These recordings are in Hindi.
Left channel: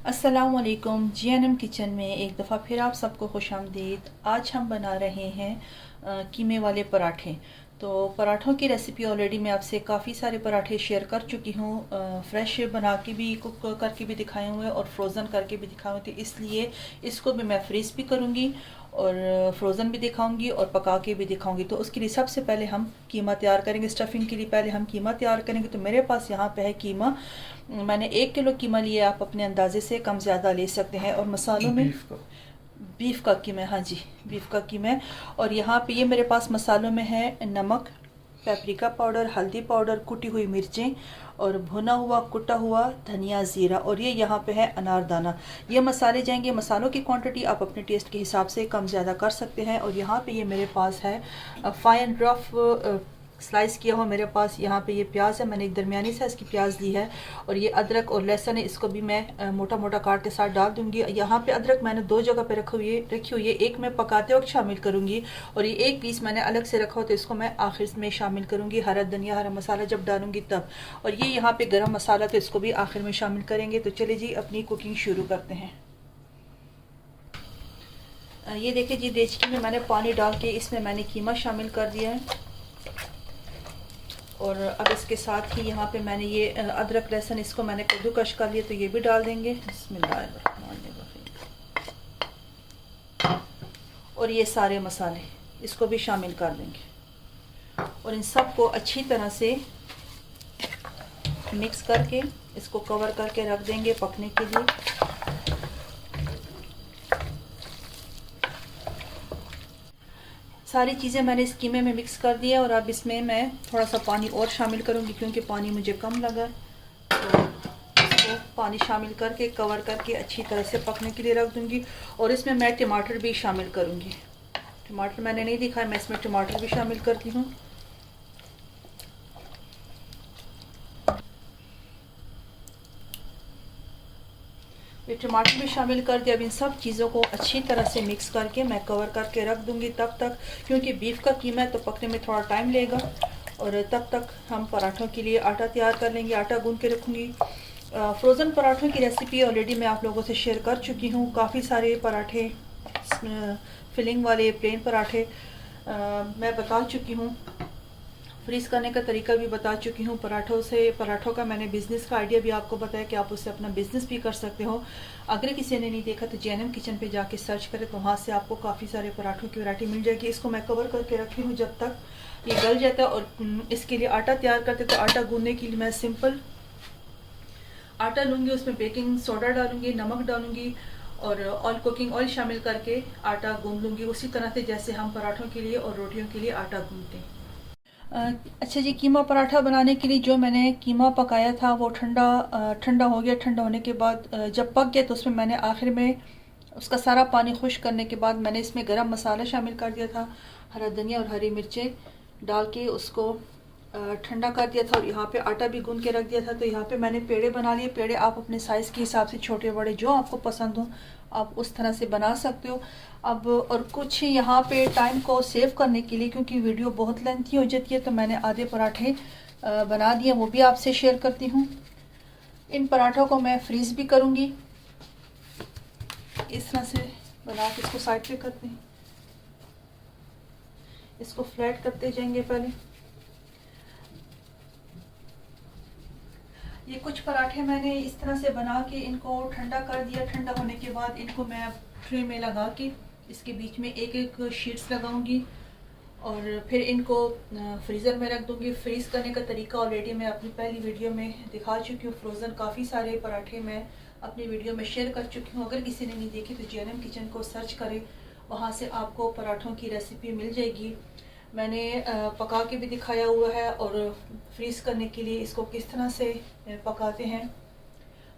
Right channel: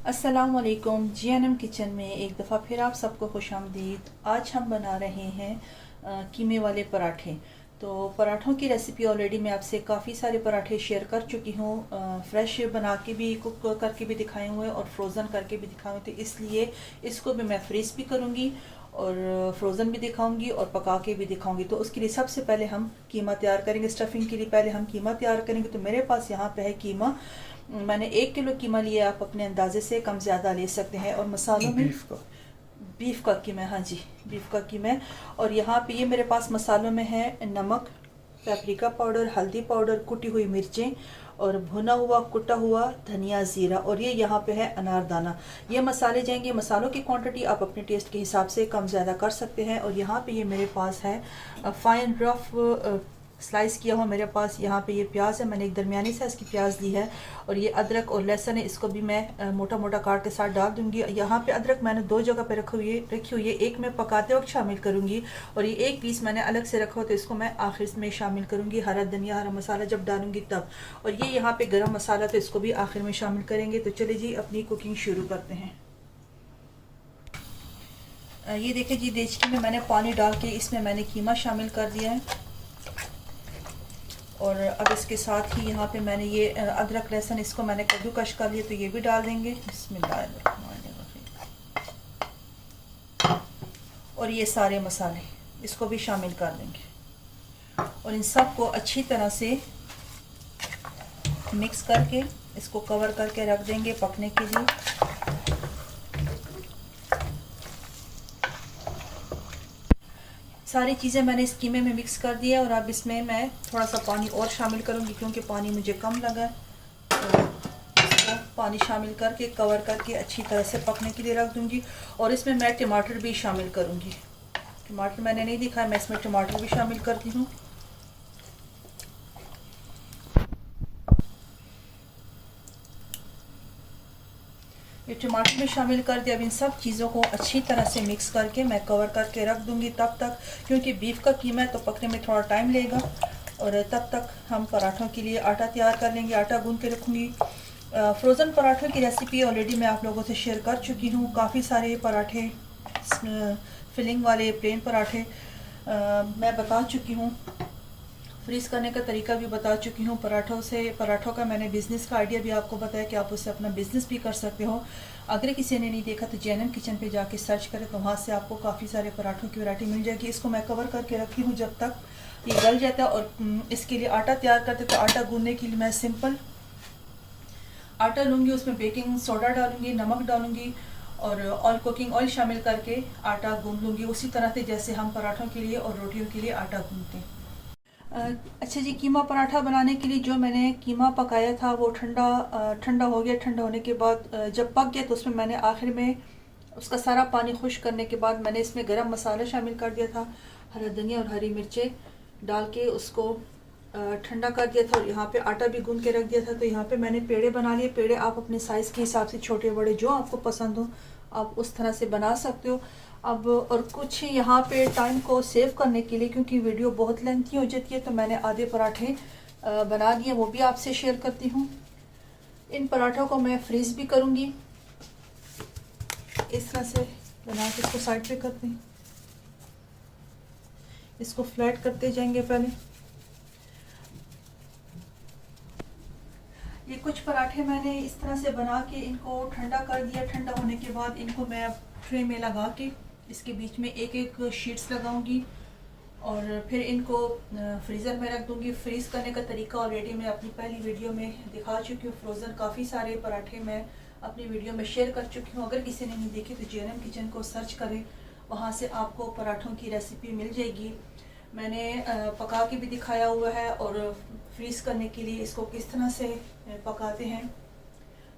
अस्सलामुअलैकुम। जीएनएम किचन में एक दफ़ा फिर आप सबको खुशामदीद। आज हम बना रहे हैं कीमे वाले पराठे। तो पराठों की रेसिपी ऑलरेडी मैं आपसे काफ़ी सारे पराठे शेयर कर चुकी हूँ। फ्रेश बना के भी, कुक करके भी दिखाए हुए और फ्रोज़न करके भी दिखाए हुए थे, इसलिए इसको भी मैं फ्रीज़ भी करूँगी और फ्रोज़न भी दिखाऊंगी और पका के भी दिखाऊंगी। तो उसके लिए सबसे पहले हम कीमा तैयार करेंगे। स्टफिंग के लिए पहले हम कीमा तैयार करेंगे। तो मेरे पास यहाँ पे है कीमा। मैंने 1 किलो कीमा लिया। आप अपने अंदाजे से कम ज़्यादा ले सकते हैं। और मसालों में बीफ का कीमा, हाँ जी, बीफ का कीमा। और यहाँ पे ये मेरे पास मसालों में है नमक, पेपरिका पाउडर, हल्दी पाउडर, कुटी हुई मिर्चें और भुना हुआ कुटा हुआ धनिया, ज़ीरा, और ये यहाँ पे है अनारदाना। ये मसाले जाएंगे। मसालों की क्वांटिटी आप अपने टेस्ट के हिसाब से कम ज़्यादा कर सकते हैं। और यहाँ पे ये मेरे पास है फाइन रफ स्लाइस किया हुआ। मेरे पास यहाँ पे ये प्याज है, मैंने एक दरमियानी साइज़ की प्याज ली है। और ये अदरक और लहसुन है, इसको भी मैं मोटा मोटा काट के साथ डाल दूंगी। यहाँ पे अदरक मैंने 2 जगह पे रखी हुई है। एक मैं पकाते वक्त शामिल करूँगी और ये एक पीस मैंने अलग से रखा हो, तो इसको मैं आखिर में शामिल करूँगी। हरा धनिया, हरा मसाला जब डालूंगी तब। और ये यहाँ पे गरम मसाला, तो इसको भी आखिर में शामिल करेंगे। तो चलिए जी अपनी कुकिंग शुरू करते हैं। ये देखिए जी, देचकी में मैंने पानी डाल के इसमें मैंने कीमा शामिल कर दिया है। और अब इसके साथ ही यहाँ पे मैंने ये अदरक लहसुन, इसको मैंने कद्दूकश कर लिया, तो ये भी डाल देंगे। बिस्मिल्लाह। और ये सारे मसाले इसको भी शामिल कर देंगे और इन सब को अच्छी तरह से मिक्स करके इसको कवर करके रख देंगे पकने के लिए। सारी चीज़ें मैंने इस कीमे में मिक्स कर दिया। और अब इसमें मैं थोड़ा सा पानी और शामिल करूँगी क्योंकि पानी मुझे कम लगा। तो इसको पानी शामिल करके कवर करके अच्छी तरह से पकने के लिए रख दूँगी। और इसमें मैं टमाटर भी शामिल करूँगी। टमाटर मैंने नहीं दिखाया, मैं इसमें टमाटर भी शामिल करती हूँ। ये टमाटर भी शामिल कर दिया। अब इन सब चीज़ों को अच्छी तरह से मिक्स करके मैं कवर करके रख दूंगी तब तक, क्योंकि बीफ का कीमा है तो पकने में थोड़ा टाइम लेगा। और तब तक हम पराठों के लिए आटा तैयार कर लेंगे। आटा गूंद के रखूँगी। फ्रोज़न पराठों की रेसिपी ऑलरेडी मैं आप लोगों से शेयर कर चुकी हूँ। काफ़ी सारे पराठे, फिलिंग वाले प्लेन पराठे मैं बता चुकी हूँ। फ्रीज़ करने का तरीका भी बता चुकी हूँ। पराठों का मैंने बिज़नेस का आइडिया भी आपको बताया कि आप उससे अपना बिज़नेस भी कर सकते हो। अगर किसी ने नहीं देखा तो जीएनएम किचन पे जाके सर्च करें, तो वहाँ से आपको काफ़ी सारे पराठों की वैरायटी मिल जाएगी। इसको मैं कवर करके रखी हूँ जब तक ये गल जाता है। और इसके लिए आटा तैयार करते, तो आटा गूंदने के लिए मैं सिंपल आटा लूँगी, उसमें बेकिंग सोडा डालूँगी, नमक डालूँगी और कुकिंग ऑयल शामिल करके आटा गूंद लूँगी, उसी तरह से जैसे हम पराठों के लिए और रोटियों के लिए आटा गूंदते हैं। अच्छा जी, कीमा पराठा बनाने के लिए जो मैंने कीमा पकाया था वो ठंडा हो गया। ठंडा होने के बाद जब पक गया तो उसमें मैंने आखिर में उसका सारा पानी खुश्क करने के बाद मैंने इसमें गरम मसाला शामिल कर दिया था। हरा धनिया और हरी मिर्चें डाल के उसको ठंडा कर दिया था। और यहाँ पे आटा भी गूंद के रख दिया था। तो यहाँ पे मैंने पेड़े बना लिए। पेड़े आप अपने साइज़ के हिसाब से, छोटे बड़े जो आपको पसंद हो, आप उस तरह से बना सकते हो। अब और कुछ यहाँ पे टाइम को सेव करने के लिए, क्योंकि वीडियो बहुत लेंथी हो जाती है, तो मैंने आधे पराठे बना दिए, वो भी आपसे शेयर करती हूँ। इन पराठों को मैं फ्रीज़ भी करूँगी। इस तरह से बना के इसको साइड पे करते हैं। इसको फ्लैट करते जाएंगे। पहले ये कुछ पराठे मैंने इस तरह से बना के इनको ठंडा कर दिया। ठंडा होने के बाद इनको मैं ट्रे में लगा के इसके बीच में एक एक शीट्स लगाऊंगी और फिर इनको फ्रीज़र में रख दूंगी। फ्रीज़ करने का तरीका ऑलरेडी मैं अपनी पहली वीडियो में दिखा चुकी हूँ। फ्रोज़न काफ़ी सारे पराठे मैं अपनी वीडियो में शेयर कर चुकी हूँ। अगर किसी ने नहीं देखी तो जीएनएम किचन को सर्च करें, वहाँ से आपको पराठों की रेसिपी मिल जाएगी। मैंने पका के भी दिखाया हुआ है और फ्रीज़ करने के लिए इसको किस तरह से पकाते हैं,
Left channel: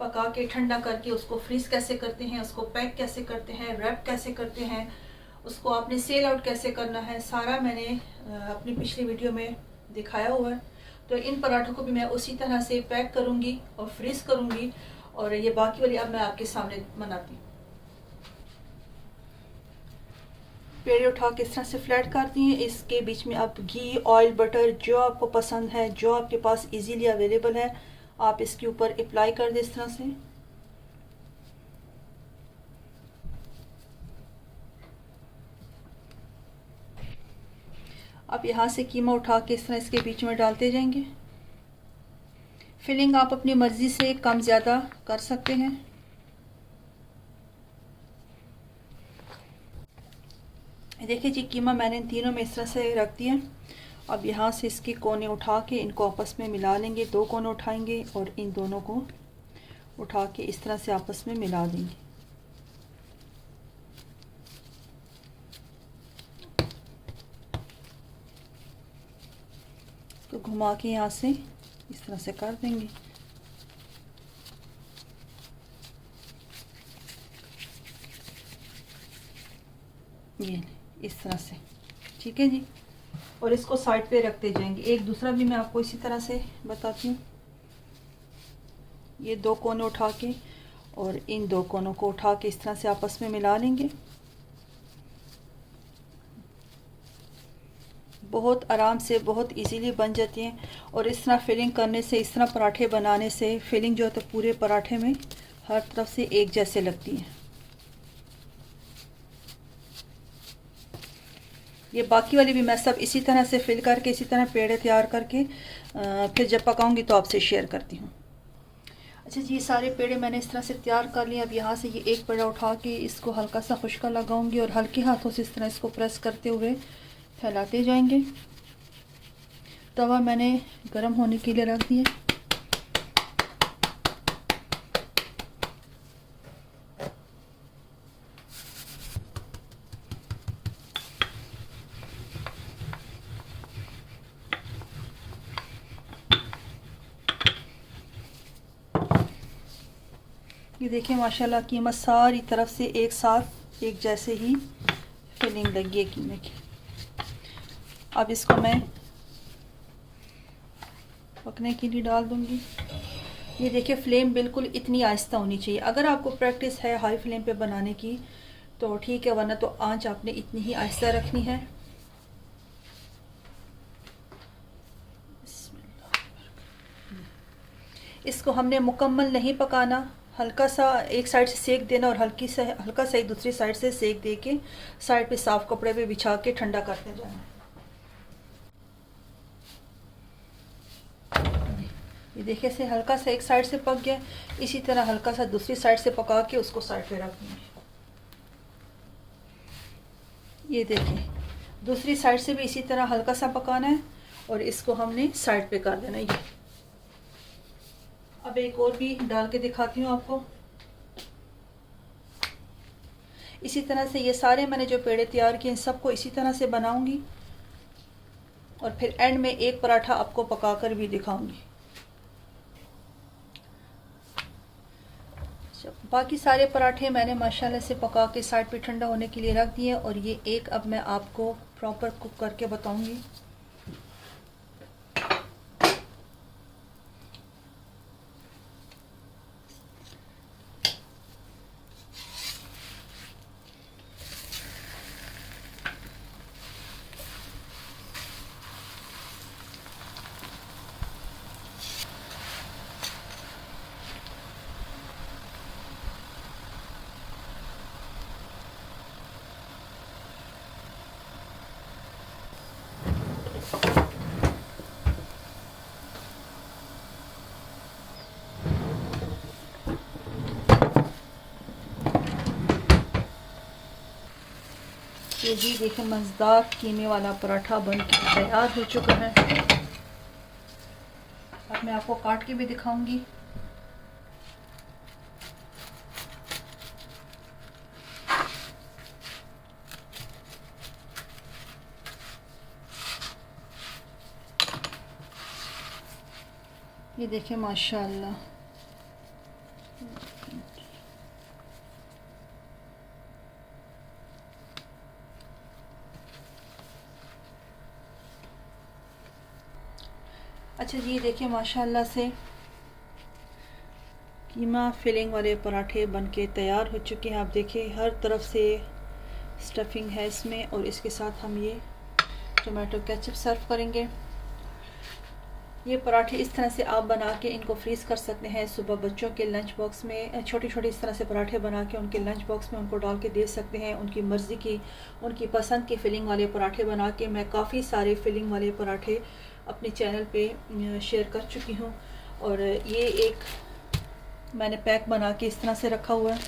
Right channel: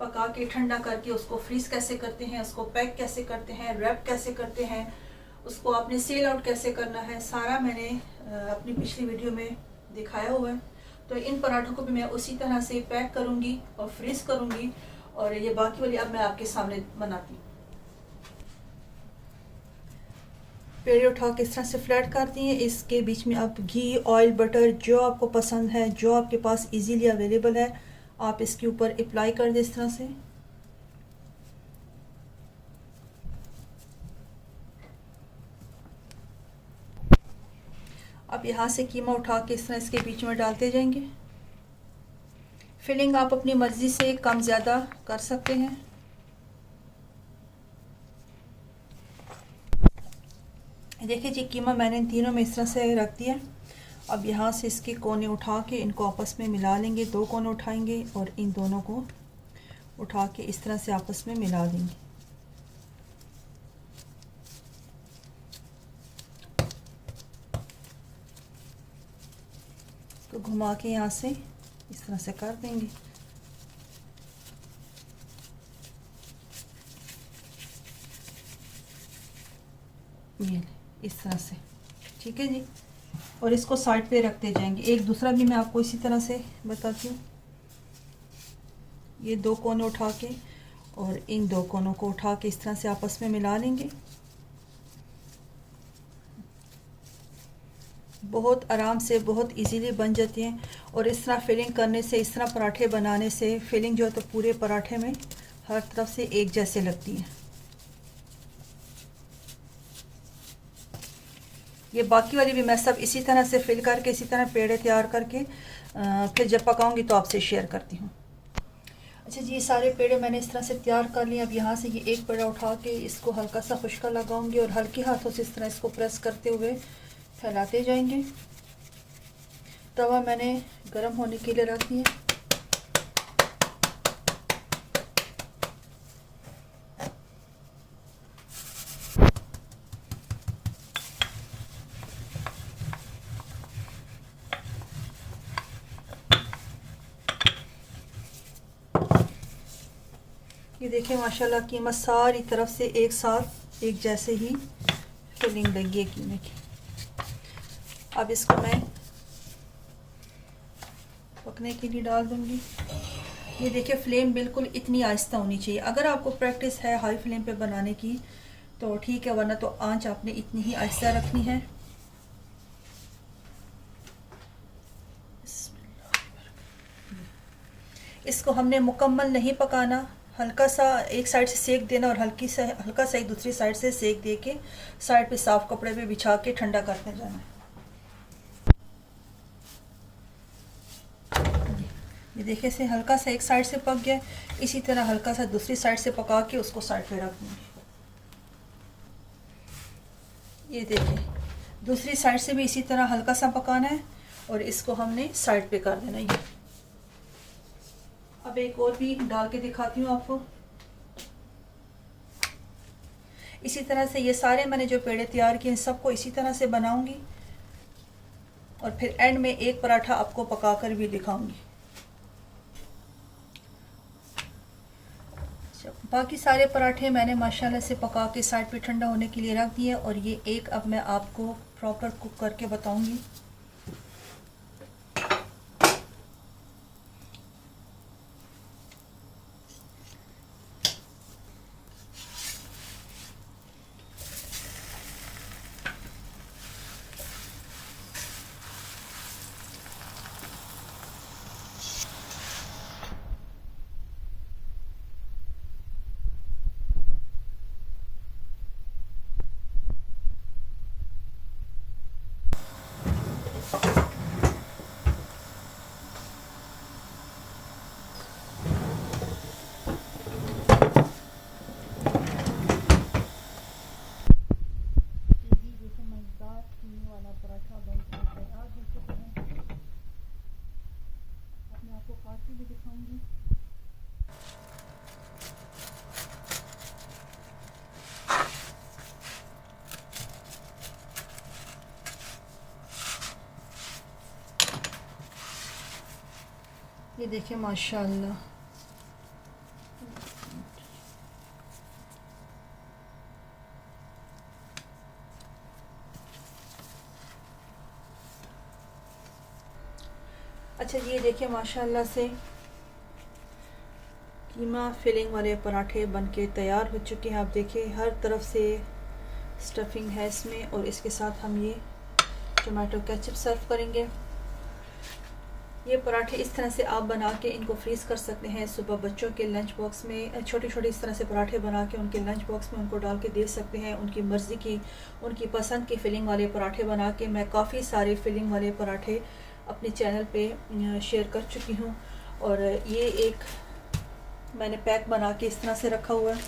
पका के ठंडा करके उसको फ्रीज़ कैसे करते हैं, उसको पैक कैसे करते हैं, रैप कैसे करते हैं, उसको आपने सेल आउट कैसे करना है, सारा मैंने अपनी पिछली वीडियो में दिखाया हुआ है। तो इन पराठों को भी मैं उसी तरह से पैक करूँगी और फ्रीज़ करूँगी। और ये बाकी वाली अब मैं आपके सामने बनाती हूँ। पेड़े उठा के इस तरह से फ्लैट करती हैं। इसके बीच में आप घी, ऑयल, बटर जो आपको पसंद है, जो आपके पास इजीली अवेलेबल है, आप इसके ऊपर अप्लाई कर दें इस तरह से। अब यहाँ से कीमा उठा के इस तरह इसके बीच में डालते जाएंगे। फिलिंग आप अपनी मर्ज़ी से कम ज़्यादा कर सकते हैं। देखिए जी, कीमा मैंने इन तीनों में इस तरह से रख दिया। अब यहाँ से इसके कोने उठा के इनको आपस में मिला लेंगे। 2 कोने उठाएंगे और इन दोनों को उठा के इस तरह से आपस में मिला देंगे। इसको घुमा के यहाँ से इस तरह से कर देंगे। ये इस तरह से, ठीक है जी। और इसको साइड पे रखते जाएंगे। एक दूसरा भी मैं आपको इसी तरह से बताती हूँ। ये 2 कोने उठा के और इन 2 कोनों को उठा के इस तरह से आपस में मिला लेंगे। बहुत आराम से, बहुत इजीली बन जाती हैं। और इस तरह फिलिंग करने से, इस तरह पराठे बनाने से फिलिंग जो है तो पूरे पराठे में हर तरफ से एक जैसे लगती हैं। ये बाकी वाली भी मैं सब इसी तरह से फिल करके, इसी तरह पेड़े तैयार करके फिर जब पकाऊंगी तो आपसे शेयर करती हूँ। अच्छा जी, ये सारे पेड़े मैंने इस तरह से तैयार कर लिए। अब यहाँ से ये एक पेड़ा उठा के इसको हल्का सा खुश्का लगाऊंगी और हल्के हाथों से इस तरह इसको प्रेस करते हुए फैलाते जाएंगे। तवा मैंने गर्म होने के लिए रख दिया। ये देखें माशाल्लाह कीमा सारी तरफ से एक साथ एक जैसे ही फिलिंग लगी है कीमे की। अब इसको मैं पकने के लिए डाल दूंगी। ये देखिए फ्लेम बिल्कुल इतनी आहिस्ता होनी चाहिए। अगर आपको प्रैक्टिस है हाई फ्लेम पे बनाने की तो ठीक है, वरना तो आंच आपने इतनी ही आहिस्ता रखनी है। इसको हमने मुकम्मल नहीं पकाना, हल्का सा एक साइड से सेक देना और हल्का सा एक दूसरी साइड से सेक दे के साइड पे साफ कपड़े पे बिछा के ठंडा करते जाना है। ये देखिए से हल्का सा एक साइड से पक गया। इसी तरह हल्का सा दूसरी साइड से पका के उसको साइड पे रख दें। ये देखिए दूसरी साइड से भी इसी तरह हल्का सा पकाना है और इसको हमने साइड पे कर देना है। अब एक और भी डाल के दिखाती हूँ आपको। इसी तरह से ये सारे मैंने जो पेड़े तैयार किए इन सबको इसी तरह से बनाऊंगी और फिर एंड में एक पराठा आपको पकाकर भी दिखाऊंगी। बाकी सारे पराठे मैंने माशाल्लाह से पका के साइड पे ठंडा होने के लिए रख दिए और ये एक अब मैं आपको प्रॉपर कुक करके बताऊंगी। ये भी देखिए मज़ेदार कीमे वाला पराठा बन के तैयार हो चुका है। अब मैं आपको काट के भी दिखाऊंगी। ये देखिए माशाल्लाह अच्छा जी, ये देखिए माशाल्लाह से कीमा फिलिंग वाले पराठे बनके तैयार हो चुके हैं। आप देखिए हर तरफ से स्टफिंग है इसमें और इसके साथ हम ये टमाटो केचप सर्व करेंगे। ये पराठे इस तरह से आप बना के इनको फ्रीज़ कर सकते हैं। सुबह बच्चों के लंच बॉक्स में छोटे छोटे इस तरह से पराठे बना के उनके लंच बॉक्स में उनको डाल के दे सकते हैं। उनकी मर्ज़ी की, उनकी पसंद के फिलिंग वाले पराठे बना के मैं काफ़ी सारे फिलिंग वाले पराठे अपने चैनल पे शेयर कर चुकी हूँ। और ये एक मैंने पैक बना के इस तरह से रखा हुआ है।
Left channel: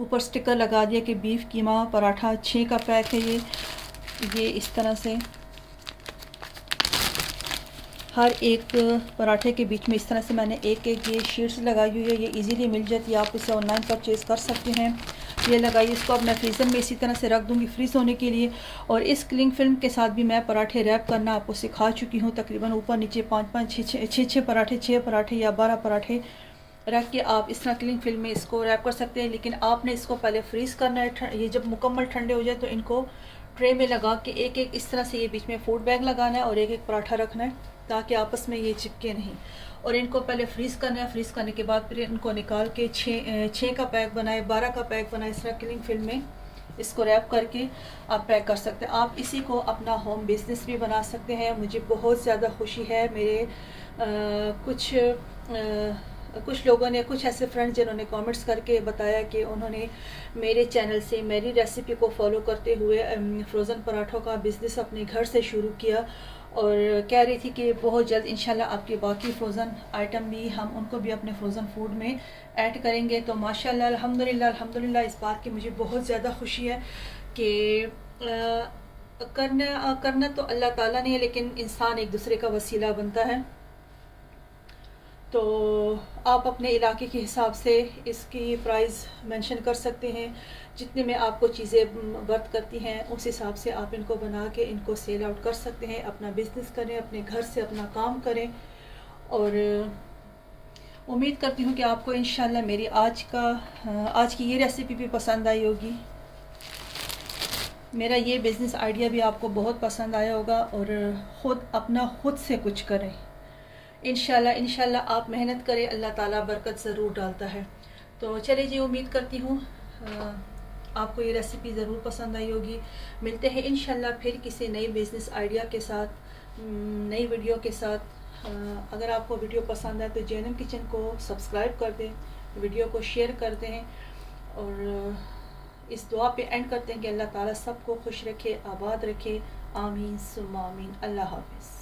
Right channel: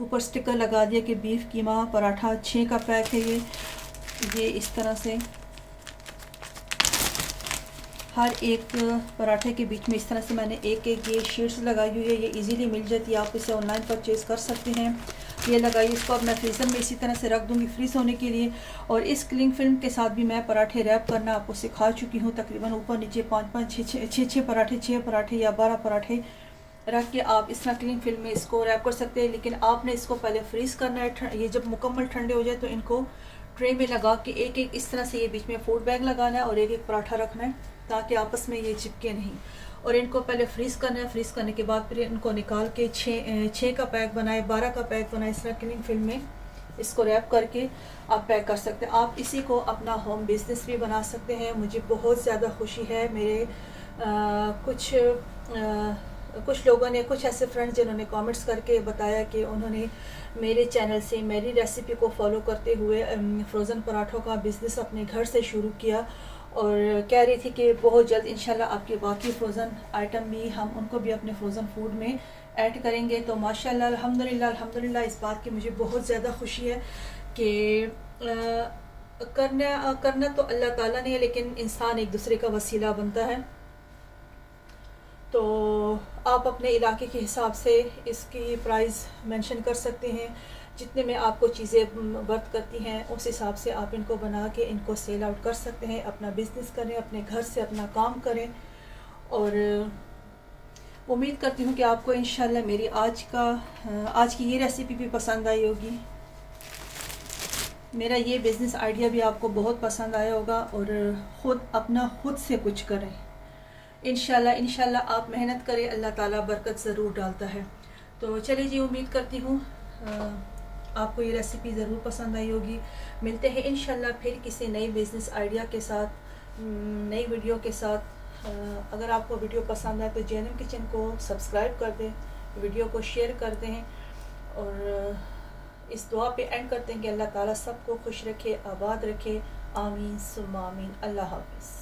ऊपर स्टिकर लगा दिया कि बीफ कीमा पराठा 6 का पैक है। ये इस तरह से हर एक पराठे के बीच में इस तरह से मैंने एक एक ये शीट्स लगाई हुई है। ये इजीली मिल जाती है, आप इसे ऑनलाइन परचेज़ कर सकते हैं। ये लगाई, इसको अब मैं फ्रीज़र में इसी तरह से रख दूँगी फ्रीज़ होने के लिए। और इस क्लिंग फिल्म के साथ भी मैं पराठे रैप करना आपको सिखा चुकी हूँ। तकरीबन ऊपर नीचे 5-5 6 पराठे, 6 पराठे या 12 पराठे रख के आप इस तरह क्लिंग फिल्म में इसको रैप कर सकते हैं। लेकिन आपने इसको पहले फ्रीज़ करना है। ये जब मुकम्मल ठंडे हो जाए तो इनको ट्रे में लगा के एक एक इस तरह से ये बीच में फूड बैग लगाना है और एक एक पराठा रखना है ताकि आपस में ये चिपके नहीं। और इनको पहले फ्रीज़ करना है। फ्रीज़ करने के बाद फिर इनको निकाल के 6 का पैक बनाए, 12 का पैक बनाए। इस तरह क्लिंग फिल्म में इसको रैप करके आप पैक कर सकते हैं। आप इसी को अपना होम बिजनेस भी बना सकते हैं। मुझे बहुत ज़्यादा खुशी है, मेरे कुछ लोगों ने, कुछ ऐसे फ्रेंड्स जिन्होंने कमेंट्स करके बताया कि उन्होंने मेरे चैनल से मेरी रेसिपी को फॉलो करते हुए फ्रोज़न पराठों का बिज़नेस अपने घर से शुरू किया। और कह रही थी कि बहुत जल्द इंशाल्लाह आपके बाकी फ्रोज़न आइटम भी हम उनको भी अपने फ्रोज़न फूड में ऐड करेंगे। तो माशाल्लाह अल्हम्दुलिल्लाह इस बात की मुझे बहुत ज़्यादा खुशी है कि करना तो अल्लाह ताला ने है, लेकिन इंसान एक दूसरे का वसीला बनता है। तो आप अपने इलाके के हिसाब से इसकी प्राइस मेंशन कर सकते हैं। जितने में आपको चीज़ें वर्थ करती हैं उस हिसाब से आप इनको बना के इनको सेल आउट कर सकते हैं। अपना बिज़नेस करें, अपने घर से अपना काम करें। और उम्मीद करती हूँ कि आपको इंशाल्लाह मेरी आज की ये रेसिपी भी पसंद आई होगी। मेरा ये बिज़नेस आइडिया भी आपको बहुत पसंद आया होगा। और खुद से कुछ करें। इंशाल्लाह आप मेहनत करें, अल्लाह ताला बरकत ज़रूर डालता है। तो चलिए जी, उम्मीद करती हूँ आपको ये रेसिपी ज़रूर पसंद आई होगी। मिलते हैं इंशाल्लाह फिर किसी नई बिज़नेस आइडिया के साथ, नई वीडियो के साथ। अगर आपको वीडियो पसंद आए तो जैनब किचन को सब्सक्राइब कर दें, वीडियो को शेयर कर दें। और इस दुआ पे एंड करते हैं कि अल्लाह ताला सबको खुश रखे, आबाद रखे। आमीन सुम्मा आमीन। अल्लाह हाफ़िज़।